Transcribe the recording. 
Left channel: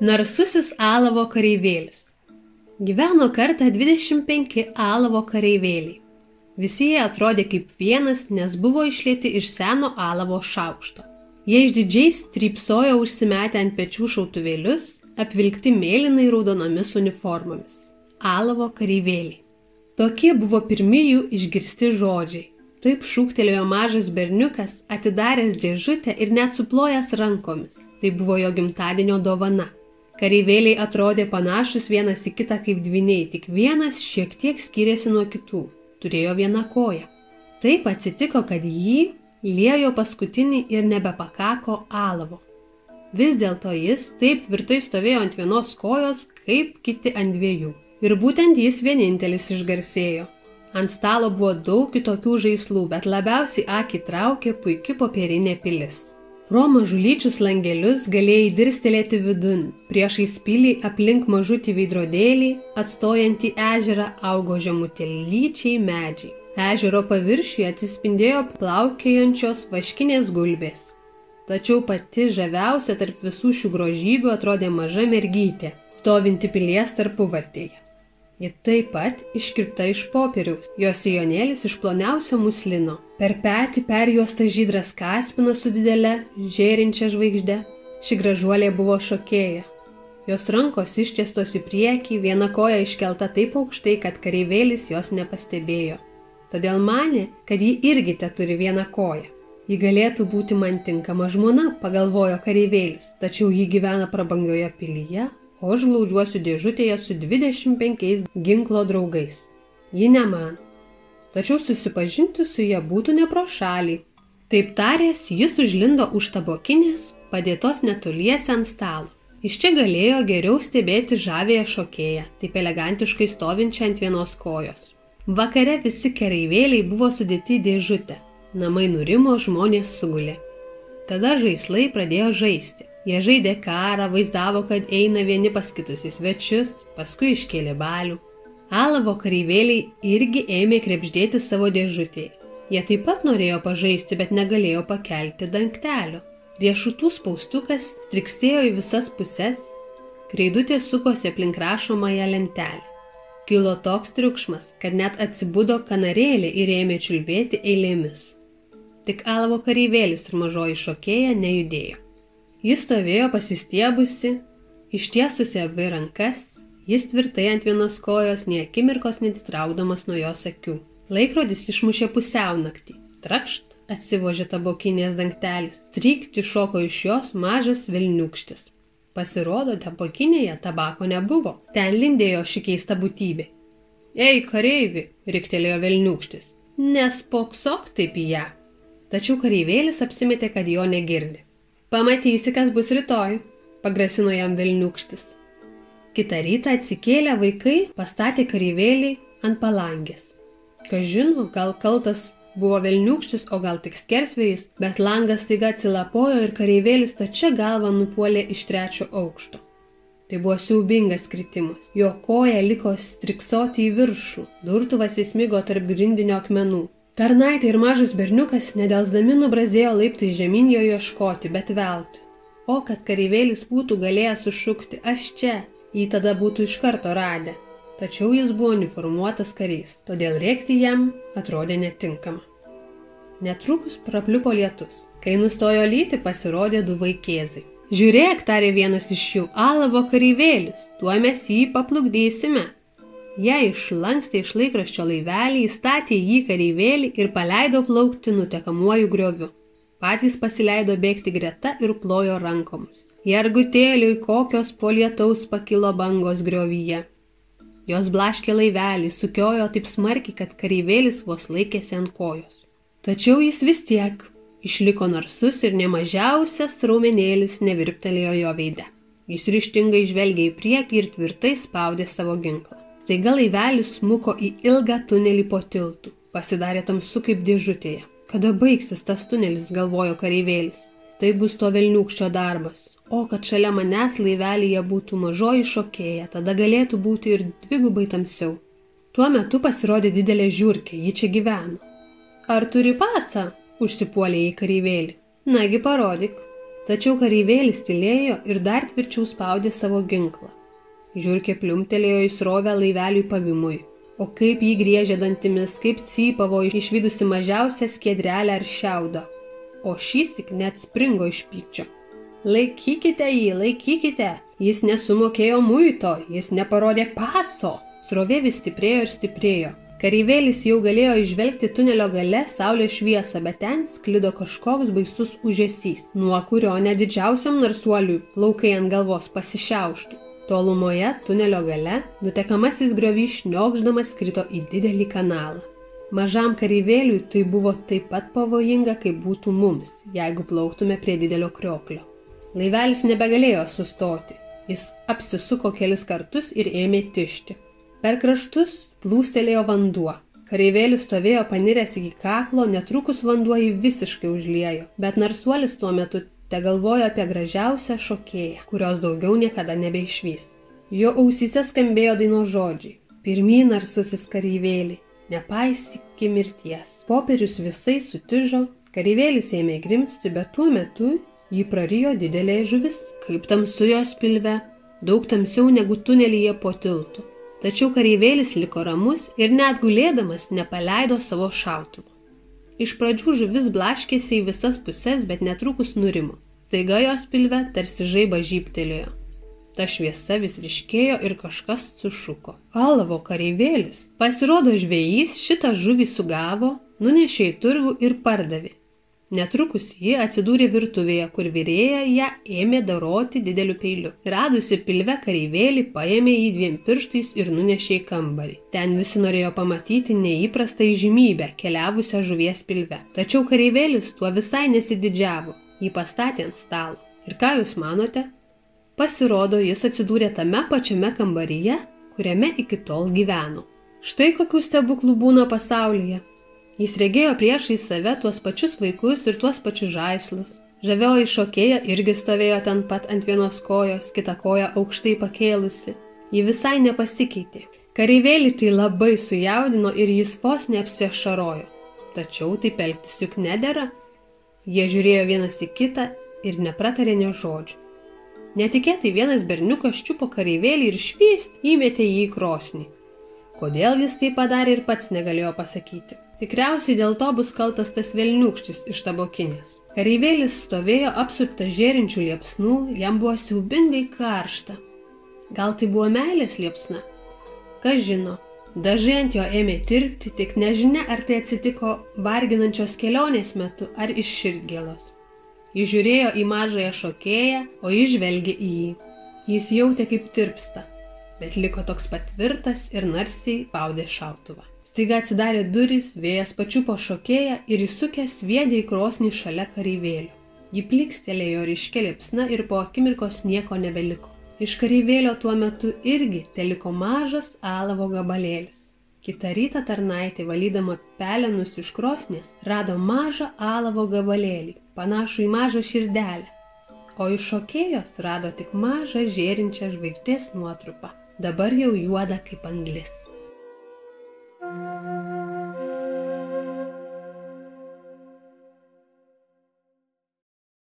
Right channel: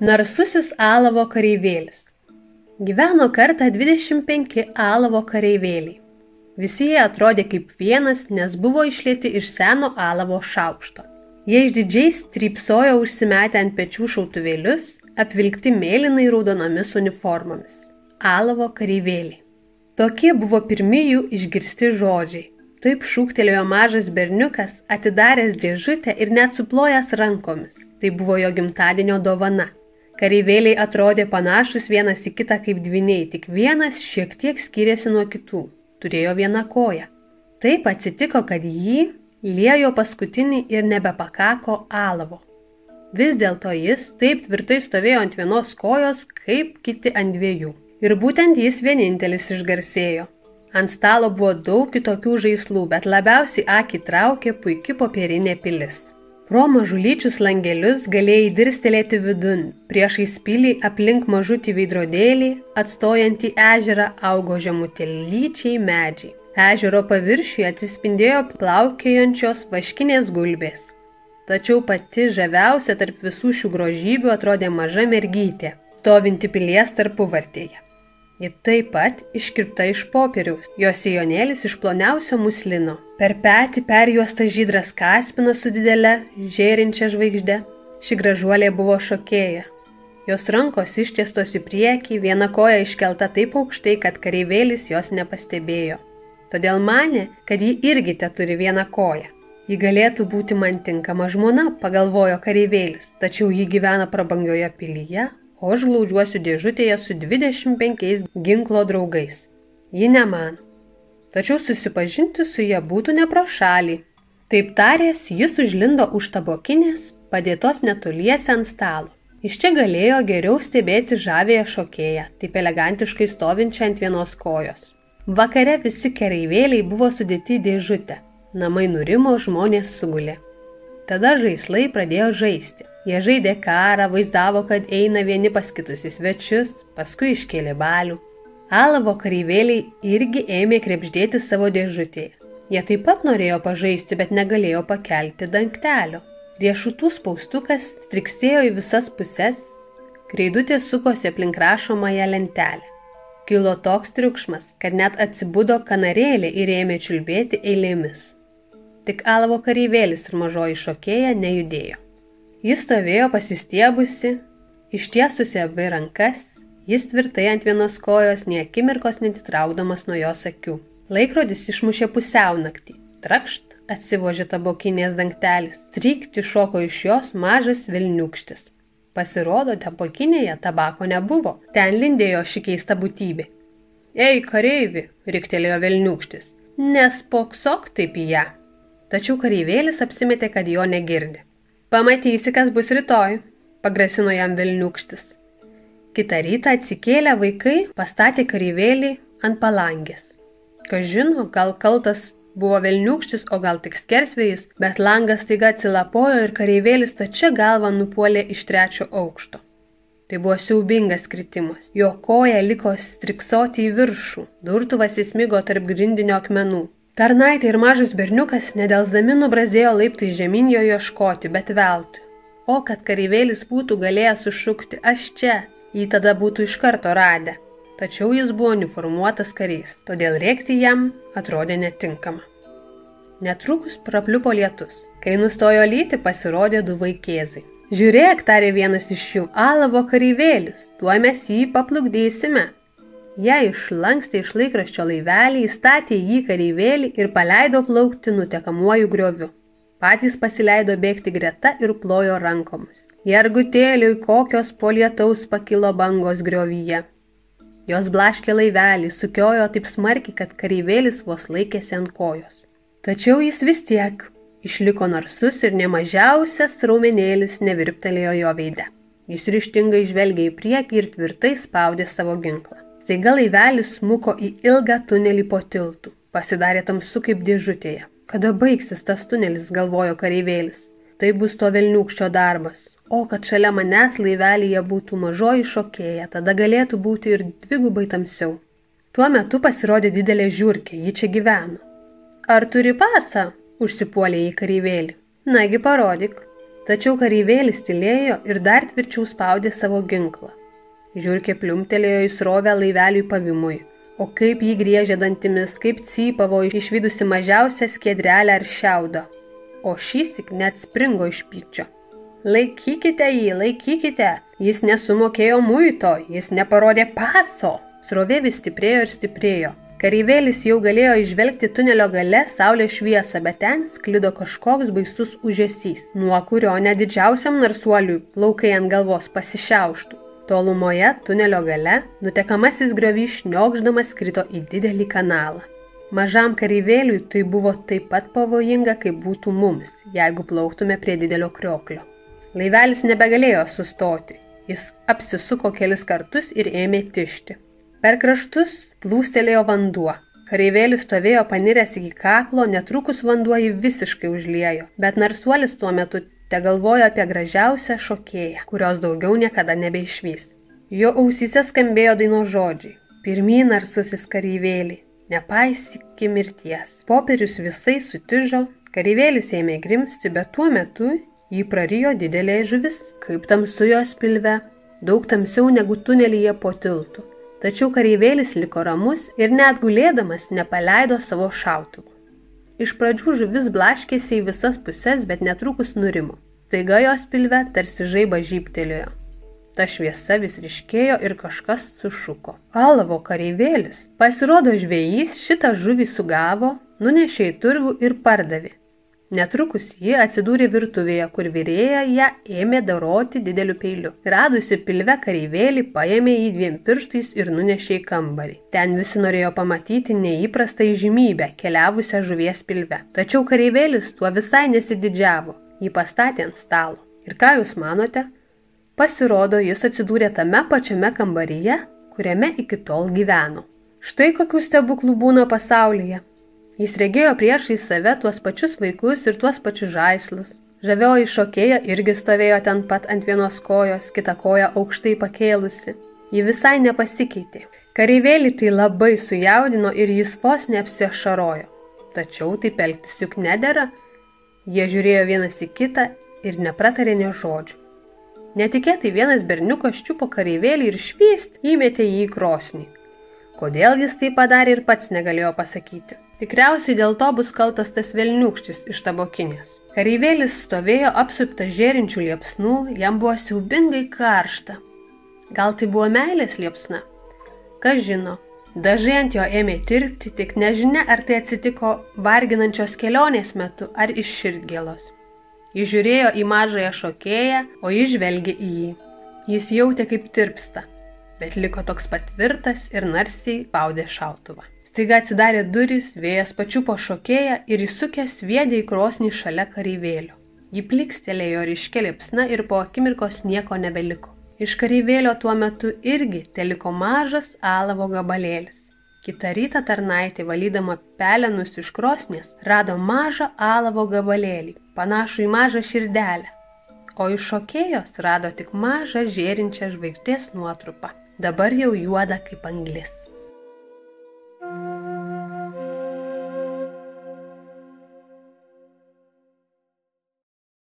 Narsusis alavo kareivėlis. Gyveno kartą 25 alavo kareivėliai. Visi jie atrodė kaip vienas, nes buvo išlieti iš seno alavo šaukšto. Jie išdidžiai strypsojo užsimetę ant pečių šautuvėlius, apvilkti mėlynai raudonomis uniformomis. Alavo kareivėliai. Tokie buvo pirmi jų išgirsti žodžiai. Taip šūktelėjo mažas berniukas, atidaręs dėžutę ir net suplojęs rankomis. Tai buvo jo gimtadienio dovana. Kareivėliai atrodė panašus vienas į kitą kaip dvyniai, tik vienas šiek tiek skyrėsi nuo kitų. Turėjo vieną koją. Taip atsitiko, kad jį liejo paskutinį ir nebepakako alavo. Vis dėlto jis taip tvirtai stovėjo ant vienos kojos, kaip kiti ant dviejų. Ir būtent jis vienintelis išgarsėjo. Ant stalo buvo daug kitokių žaislų, bet labiausiai akį traukė puiki popierinė pilis. Pro mažulyčius langelius galėjai dirstelėti vidun. Priešais pilį aplink mažutį veidrodėlį, atstojantį ežerą, augo žemutėlyčiai medžiai. Ežero paviršiuje atsispindėjo plaukiojančios vaškinės gulbės. Tačiau pati žaviausia tarp visų šių grožybių atrodė maža mergytė, stovinti pilies tarpuvartėje. Ji taip pat iškirpta iš popieriaus, jos sijonėlis iš ploniausio muslino. Per petį perjuosta žydras kaspinas su didele, žėrinčia žvaigžde. Ši gražuolė buvo šokėja. Jos rankos ištiestos į priekį, viena koja iškelta taip aukštai, kad kareivėlis jos nepastebėjo. Todėl manė, kad ji irgi teturi vieną koją. Ji galėtų būti man tinkama žmona, pagalvojo kareivėlis, tačiau ji gyvena prabangioje pilyje, o aš glaudžiuosiu dėžutėje su 25 ginklo draugais. Ji nemano. Tačiau susipažinti su ja būtų ne pro šalį. Taip taręs, jis užlindo už tabokinės, padėtos netoliese ant stalo. Iš čia galėjo geriau stebėti žavėją šokėją, taip elegantiškai stovinčią ant vienos kojos. Vakare visi kareivėliai buvo sudėti į dėžutę. Namai nurimo, žmonės sugulė. Tada žaislai pradėjo žaisti. Jie žaidė karą, vaizdavo, kad eina vieni pas kitus į svečius, paskui iškėlė balių. Alavo kareivėliai irgi ėmė krepždėti savo dėžutėje. Jie taip pat norėjo pažaisti, bet negalėjo pakelti dangtelio. Riešutų spaustukas striksėjo į visas puses, kreidutė sukosi aplink rašomąją lentelę. Kilo toks triukšmas, kad net atsibudo kanarėlė ir ėmė čiulbėti eilėmis. Tik alavo kareivėlis ir mažoji šokėja nejudėjo. Jis stovėjo pasistiebusi, ištiesusi abi rankas, jis tvirtai ant vienos kojos, nė akimirkos netitraukdamas nuo jos akių. Laikrodis išmušė pusiaunaktį. Trakšt atsivožė tabokinės dangtelis, trykt iššoko iš jos mažas velniūkštis. Pasirodo, tabokinėje tabako nebuvo, ten lindėjo ši keista būtybė. Ei, kareivi, riktelėjo velniūkštis, nespoksok taip į ją. Tačiau kareivėlis apsimetė, kad jo negirdi. Pamatysi, kas bus rytoj, pagrasino jam velniūkštis. Kitą rytą atsikėlę vaikai pastatė kareivėlį ant palangės. Kas žino, gal kaltas buvo velniūkštis, o gal tik skersvėjis, bet langas staiga atsilapojo ir kareivėlis stačia galva nupuolė iš 3 aukšto. Tai buvo siaubingas kritimas. Jo koja liko striksoti į viršų, durtuvas įsmigo tarp grindinio akmenų. Tarnaitė ir mažas berniukas nedelsdami nubrazdėjo laiptais žemyn jo ieškoti, bet veltui. O kad kareivėlis būtų galėjęs sušukti aš čia, jį tada būtų iš karto radę. Tačiau jis buvo uniformuotas karys, todėl rėkti jam atrodė netinkama. Netrukus prapliupo lietus. Kai nustojo lyti, pasirodė 2 vaikėzai. Žiūrėk, tarė vienas iš jų, alavo kareivėlis, tuo mes jį paplukdysime. Jie išlankstė iš laikraščio laivelį, įstatė jį kareivėlį ir paleido plaukti nutekamuoju grioviu. Patys pasileido bėgti greta ir plojo rankomis. Jergutėliui, kokios po lietaus pakilo bangos griovyje. Jos blaškė laivelį, sukiojo taip smarkiai, kad kareivėlis vos laikėsi ant kojos. Tačiau jis vis tiek išliko narsus ir nemažiausias raumenėlis nevirptelėjo jo veide. Jis ryžtingai žvelgė į priekį ir tvirtai spaudė savo ginklą. Staiga laivelis smuko į ilgą tunelį po tiltu. Pasidarė tamsu kaip dėžutėje. Kada baigsis tas tunelis, galvojo kareivėlis. Tai bus to velniūkščio darbas. O kad šalia manęs laivelyje būtų mažoji šokėja, tada galėtų būti ir 2 tamsiau. Tuo metu pasirodė didelė žiurkė, ji čia gyveno. Ar turi pasą? Užsipuolė į kareivėlį. Nagi parodyk. Tačiau kareivėlis tylėjo ir dar tvirčiau spaudė savo ginklą. Žiurkė pliumtelėjo į srovę laiveliui pavimui, o kaip jį griežė dantimis, kaip cypavo išvydusi mažiausią skiedrelę ar šiaudą, o šįsyk net springo iš pykčio. Laikykite jį, laikykite, jis nesumokėjo muito, jis neparodė paso. Srovė vis stiprėjo ir stiprėjo. Kareivėlis jau galėjo išvelgti tunelio gale saulės šviesą, bet ten sklido kažkoks baisus ūžesys, nuo kurio net didžiausiam narsuoliui plaukai ant galvos pasišiauštų. Tolumoje tunelio gale nutekamasis griovys šniokšdamas krito į didelį kanalą. Mažam kareivėliui tai buvo taip pat pavojinga, kaip būtų mums, jeigu plauktume prie didelio krioklio. Laivelis nebegalėjo sustoti, jis apsisuko kelis kartus ir ėmė tižti. Per kraštus plūstelėjo vanduo. Kareivėlis stovėjo paniręs iki kaklo, netrukus vanduo jį visiškai užliejo, bet narsuolis tuo metu tegalvojo apie gražiausią šokėją, kurios daugiau niekada nebeišvys. Jo ausyse skambėjo dainos žodžiai: pirmyn narsusis kareivėlį, nepaisyki mirties. Popierius visai sutižo, kareivėlis ėmė grimsti, bet tuo metu jį prarijo didelė žuvis, kaip tamsu jos pilve, daug tamsiau negu tunelyje po tiltu. Tačiau kareivėlis liko ramus ir net gulėdamas nepaleido savo šautuvų. Iš pradžių žuvis blaškėsi į visas puses, bet netrukus nurimo. Staiga jos pilve tarsi žaibas žybtelėjo. Ta šviesa vis ryškėjo ir kažkas sušuko: alavo kareivėlis! Pasirodo, žvejys šitą žuvį sugavo, nunešė į turgų ir pardavė. Netrukus ji atsidūrė virtuvėje, kur virėja ją ėmė doroti dideliu peiliu. Radusi pilve kareivėlį, paėmė jį 2 pirštais ir nunešė į kambarį. Ten visi norėjo pamatyti neįprastą įžymybę keliavusią žuvies pilve. Tačiau kareivėlis tuo visai nesididžiavo. Jį pastatė ant stalo. Ir ką jūs manote? Pasirodo, jis atsidūrė tame pačiame kambaryje, kuriame iki tol gyveno. Štai kokių stebuklų būna pasaulyje. Jis regėjo priešai save tuos pačius vaikus ir tuos pačius žaislus. Žavioji šokėja irgi stovėjo ten pat ant vienos kojos, kitą koją aukštai pakėlusi. Ji visai nepasikeitė. Kareivėlį tai labai sujaudino ir jis vos neapsiašarojo. Tačiau taip elgtis juk nedera. Jie žiūrėjo vienas į kitą ir nepratarė nė žodžių. Netikėtai vienas berniukas čiupo kareivėlį ir švyst įmetė jį į krosnį. Kodėl jis tai padarė ir pats negalėjo pasakyti. Tikriausiai dėl to bus kaltas tas velniūkštis iš tabokinės. Kareivėlis stovėjo apsuptas žėrinčių liepsnų, jam buvo siaubingai karšta. Gal tai buvo meilės liepsna? Kas žino, dažai ant jo ėmė tirpti, tik nežinia, ar tai atsitiko varginančios kelionės metu ar iš širdgėlos. Jis žiūrėjo į mažąją šokėją, o jis žvelgė į jį. Jis jautė, kaip tirpsta, bet liko toks patvirtas ir narsiai spaudė šautuvą. Staiga atsidarė durys, vėjas pačiupo šokėją ir įsukęs sviedė į krosnį šalia kareivėlio. Ji plikstelėjo ryškia liepsna ir po akimirkos nieko nebeliko. Iš kareivėlio tuo metu irgi teliko mažas alavo gabalėlis. Kitą rytą tarnaitė, valydama pelenus iš krosnies, rado mažą alavo gabalėlį, panašų į mažą širdelę. O iš šokėjos rado tik mažą žėrinčią žvaigždės nuotrupą, dabar jau juoda kaip anglis.